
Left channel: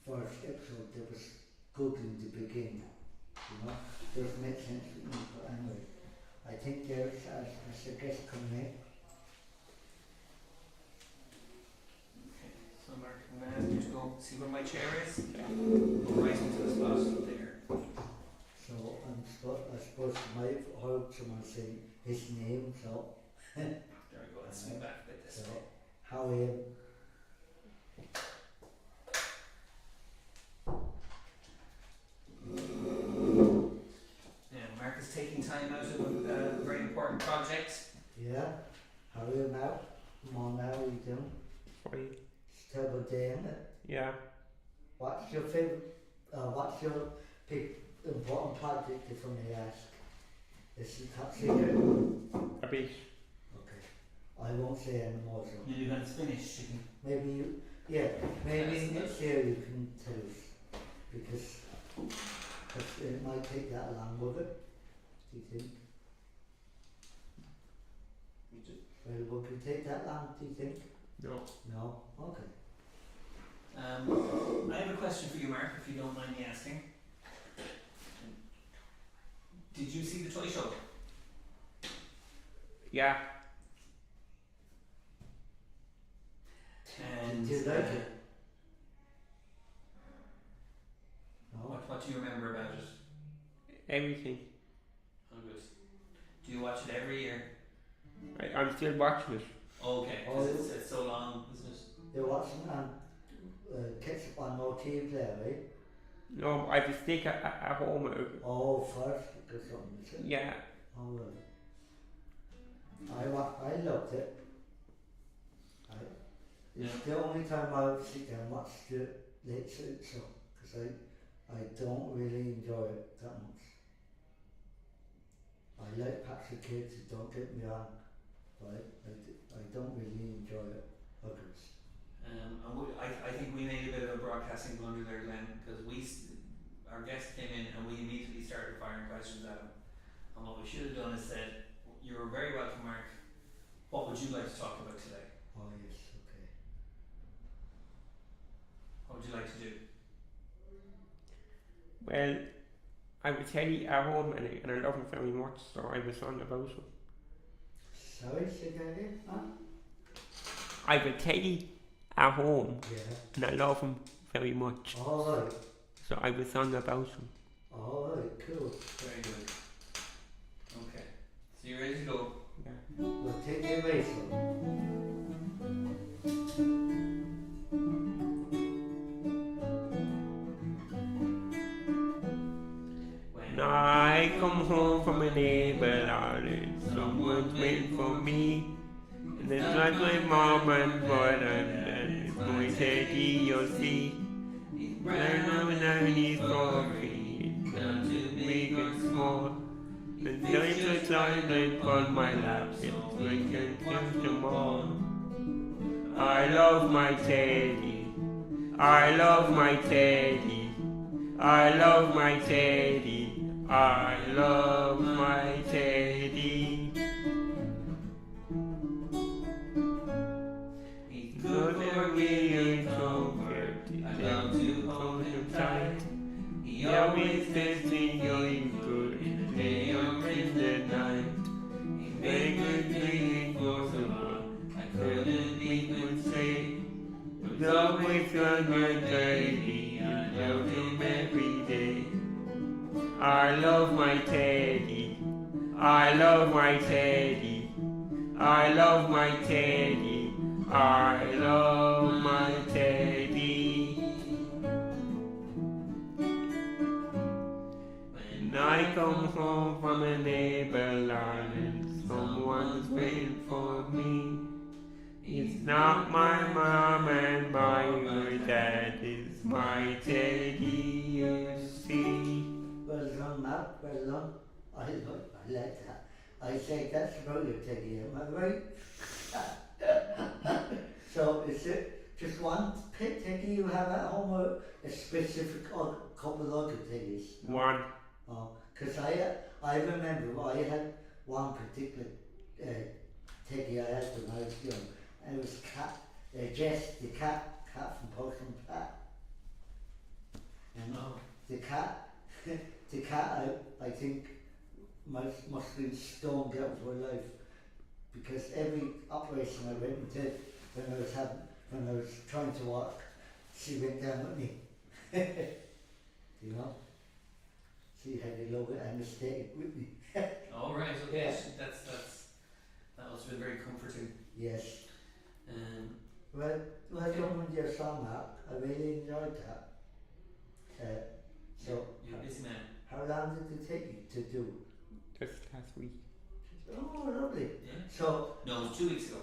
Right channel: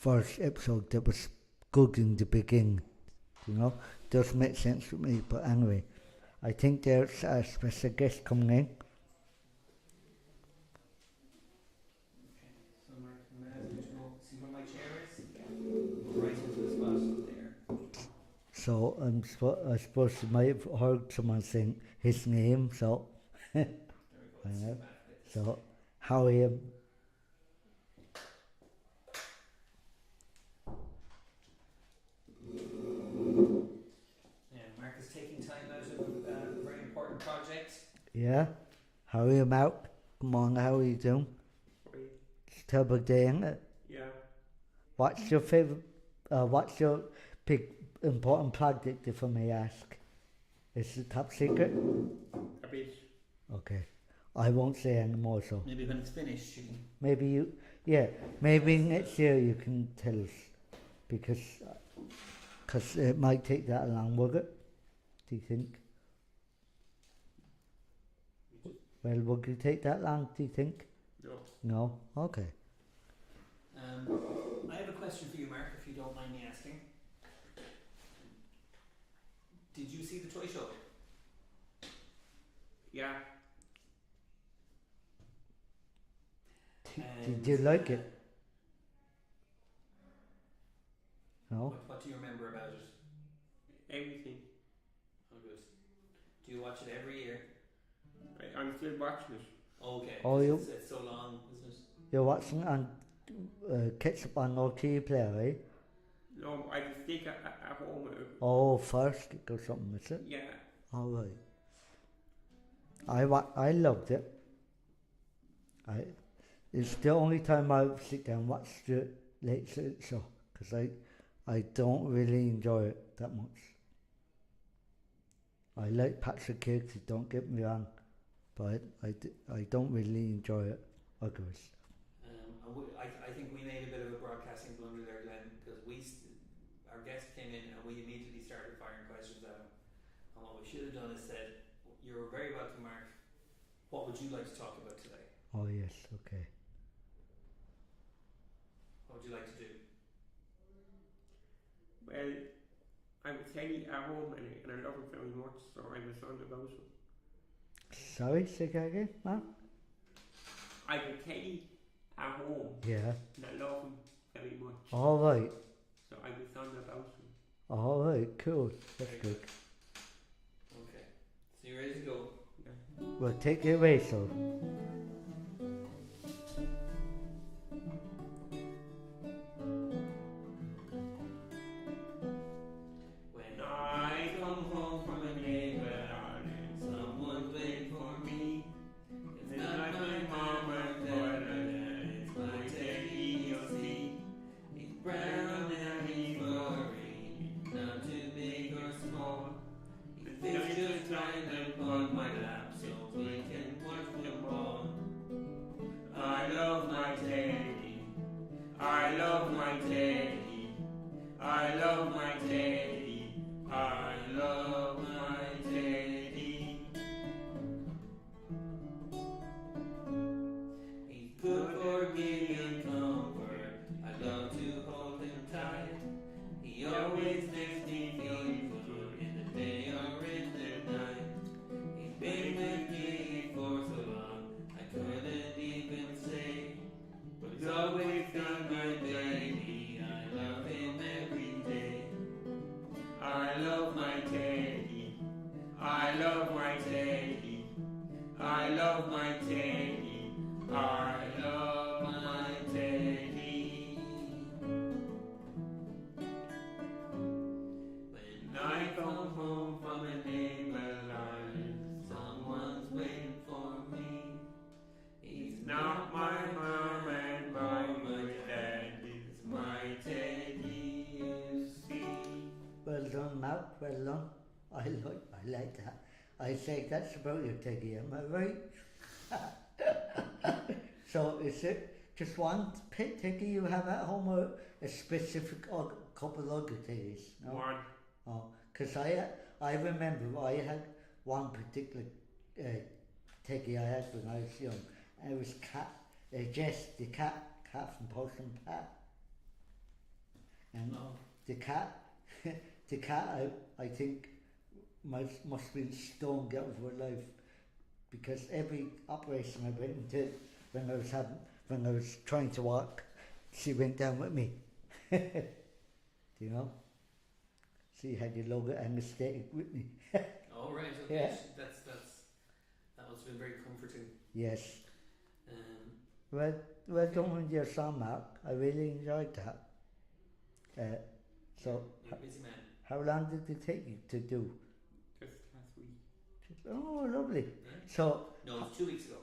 first episode that was good in the beginning, doesn't make sense to me. But anyway, I think there's a special guest coming in. Just go see where my chair is. Go right into the spot there. So I suppose you might have heard someone saying his name. So there we go. Let's see back a bit. So how are you? Yeah, Mark is taking time out of a very important project. Yeah. How are you, Mark? Come on, how are you doing? Free. Terrible day, isn't it? Yeah. What's your favourite what's your big important project, if I may ask? Is it top secret? A bit. Okay. I won't say any more, so. Maybe when it's finished, you can. Maybe you, yeah, maybe next year you can tell us. Because it might take that long, will it? Do you think? Well, would it take that long, do you think? No. No? Okay. I have a question for you, Mark, if you don't mind me asking. Did you see the toy show? Yeah. And, Did you like it? No? What do you remember about it? Everything. Oh, good. Do you watch it every year? I'm still watching it. Okay. Oh, It's so long, isn't it? You're watching on catch up on no TV player, eh? No, I have a stick at home. Oh, first or something, is it? Yeah. All right. I loved it. It's the only time I sit down and watch the late show because I don't really enjoy it that much. I like Patrick Hicks, don't get me wrong, but I don't really enjoy it. I think we made a bit of a broadcasting blunder there, Glenn, because our guest came in and we immediately started firing questions at him. And what we should have done is said, "You're very welcome, Mark. What would you like to talk about today? Oh yes, okay. What would you like to do?" Well, I was Teddy at home and I love him very much, so I was on about him. Sorry, say that again, man? I have a Teddy at home Yeah. and I love him very much, All right. so I was on about him. All right, cool. Very good. Okay. So you're ready to go? Yeah. Well, take it away, son. When I come home from a neighbor island, someone's waiting for me. And it's like my mom and brother and it's my Teddy, you'll see. He's brown and he's coffee, down to big and small. The night I climbed and on my lap, it's when you touch them all. I love my Teddy, I love my Teddy, I love my Teddy, I love my Teddy. He's good for me and comfort, I love to hold him tight. He always says me you're good in the day or in the night. He's been good to me for so long, I couldn't even say. But always on my Teddy, I love him every day. I love my Teddy, I love my Teddy, I love my Teddy, I love my Teddy. When I come home from a neighbor island, someone's waiting for me. It's not my mom and my dad, it's my Teddy, you see. Well done, Matt. Well done. I like that. I say that's about your Teddy, am I right? So is it just one pet Teddy you have at home or a specific couple of other Teddies? No? One. Oh, because I remember I had one particular Teddy I had when I was young, and it was Jess, the cat from Postman Pat. And the cat, I think must be stone out of her life, because every operation I went into when I was trying to walk, she went down with me. You know, she had your logo and the stay with me. Oh, right. Okay. Yeah. That must have been very comforting. Yes. Um, Well done with your song, Mark. I really enjoyed that. So, you're a busy man. how long did it take you to do? Just last week. Oh, lovely. Yeah. So, No, it was 2 weeks ago.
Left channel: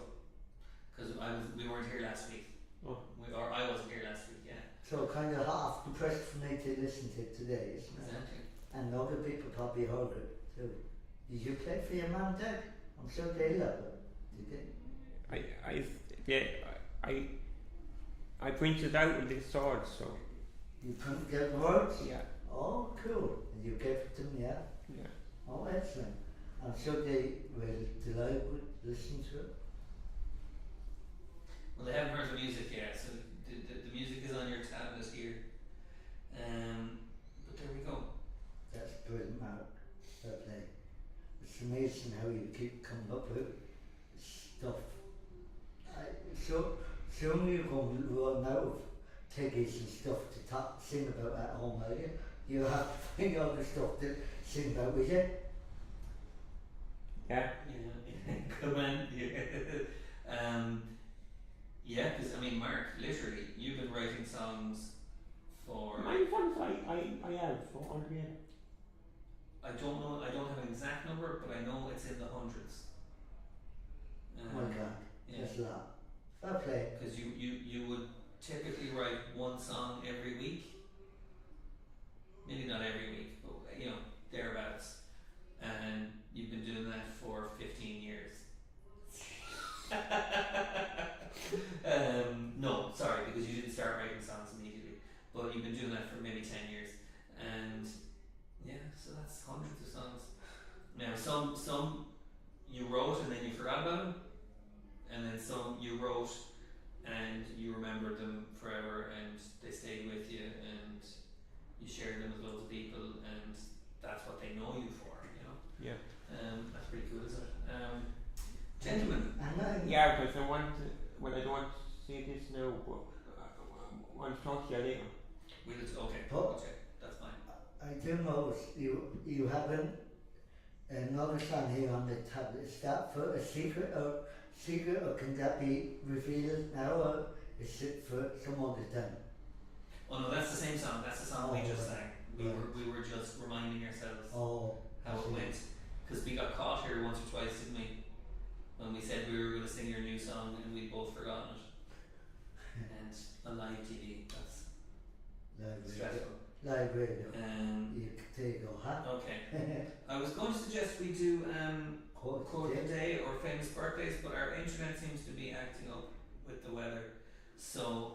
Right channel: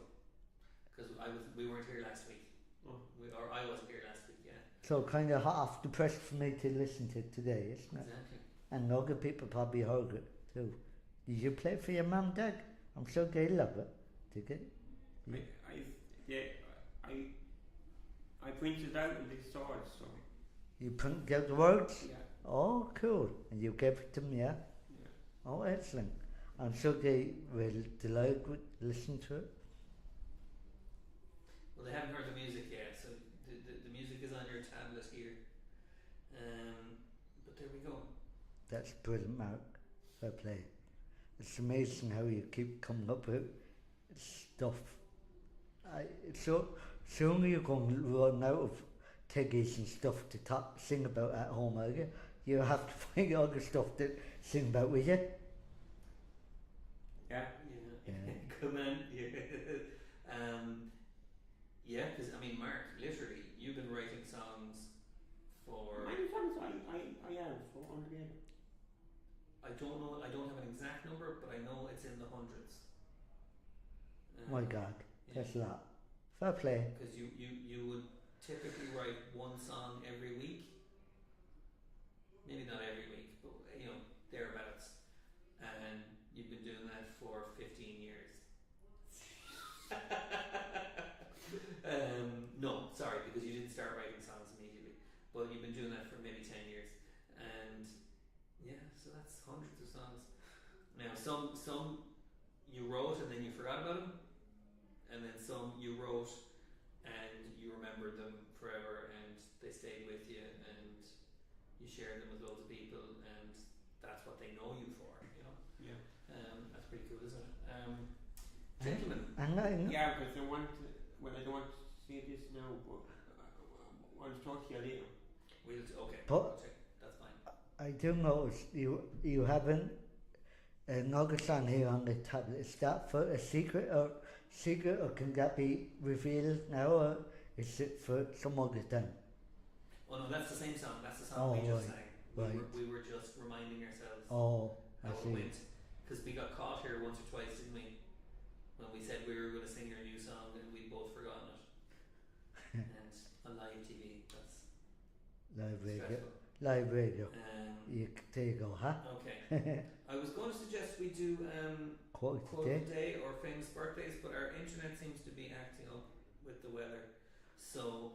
Because we weren't here last week. Oh. Or I wasn't here last week. Yeah. So kind of half depressed for me to listen to today, isn't it? Exactly. And other people probably heard it too. Did you play for your mum and dad? I'm sure they love it. Did they? Yeah, I printed out in this sword, so You couldn't get the words? yeah, Oh, cool. And you gave it to them, yeah? yeah. Oh, excellent. I'm sure they will delight with listening to it. Well, they haven't heard the music yet, so the music is on your tablet here. But there we go. That's brilliant, Mark. Well played. It's amazing how you keep coming up with stuff. So soon you're going to run out of tiggies and stuff to sing about at home, are you? You have to find other stuff to sing about, will you? Yeah. Yeah. Good man. Yeah. Yeah, because I mean, Mark, literally, you've been writing songs for. My songs I have so altogether. I don't know. I don't have an exact number, but I know it's in the hundreds. My God, Yeah. that's a lot. Fair play. Because you would typically write one song every week. Maybe not every week, but thereabouts. And you've been doing that for 15 years. No, sorry, because you didn't start writing songs immediately. But you've been doing that for maybe 10 years. And yeah, so that's hundreds of songs. Now, some you wrote and then you forgot about them. And then some you wrote and you remembered them forever and they stayed with you and you shared them with loads of people and that's what they know you for, Yeah. That's pretty cool, isn't it? Gentlemen. Yeah, because I don't want to say this now, but I want to talk to you later. Okay, that's fine. I do notice you haven't another song here on the tablet. Is that for a secret or can that be revealed now, or is it for some other time? Oh no, that's the same song. That's the song we just sang. We were just reminding ourselves how it went because we got caught here once or twice, didn't we? When we said we were going to sing your new song and we'd both forgotten it. And on live TV, that's stressful. Live radio. There you go, huh? Okay. I was going to suggest we do Quote of the day or famous birthdays, but our internet seems to be acting up with the weather. So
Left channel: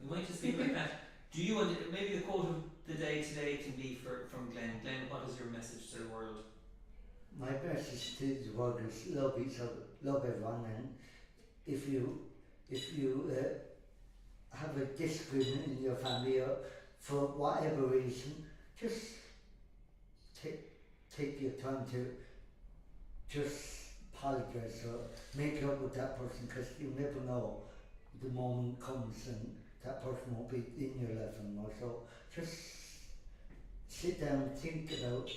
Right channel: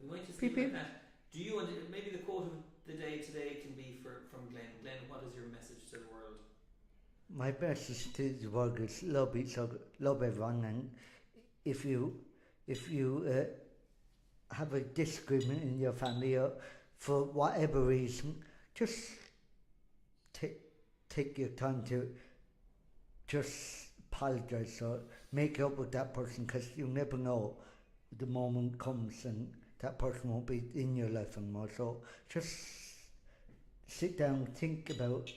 we might just leave it like that. Do you want maybe the quote of the day today can be from Glen. Glen, what is your message to the world? My message to the world is love each other, love everyone, and if you have a disagreement in your family or for whatever reason, just take your time to just apologise or make up with that person, because you never know the moment comes and that person won't be in your life anymore. So just sit down, think about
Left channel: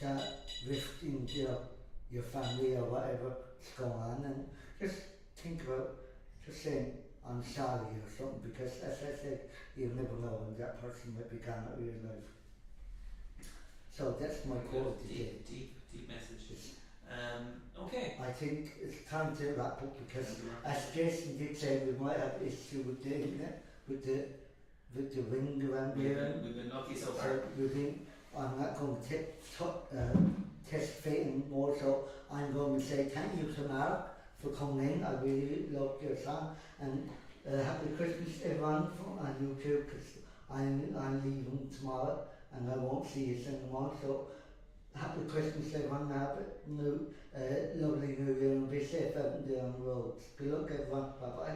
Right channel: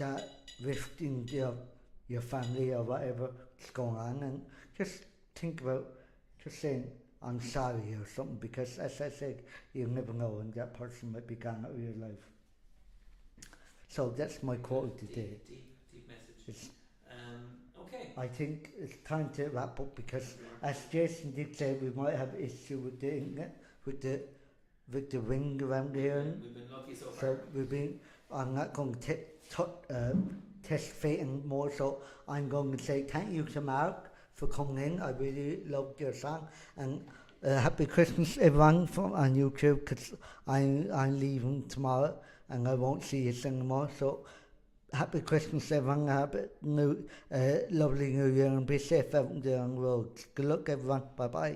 that rift in your family or whatever's going on, and just think about just saying I'm sorry or something, because as I said, you never know when that person might be gone out of your life. So that's my quote of the day. Deep message. Okay. I think it's time to wrap up, because as Jason did say, we might have issue with the internet, with the ring around here. We've been lucky so far. I'm not going to test fate anymore, so I'm going to say thank you to Mark for coming in. I really loved your song, and happy Christmas everyone from on YouTube, because I'm leaving tomorrow and I won't see you anymore. So happy Christmas everyone, happy lovely New Year, and be safe out there on the road. Good luck everyone, bye bye.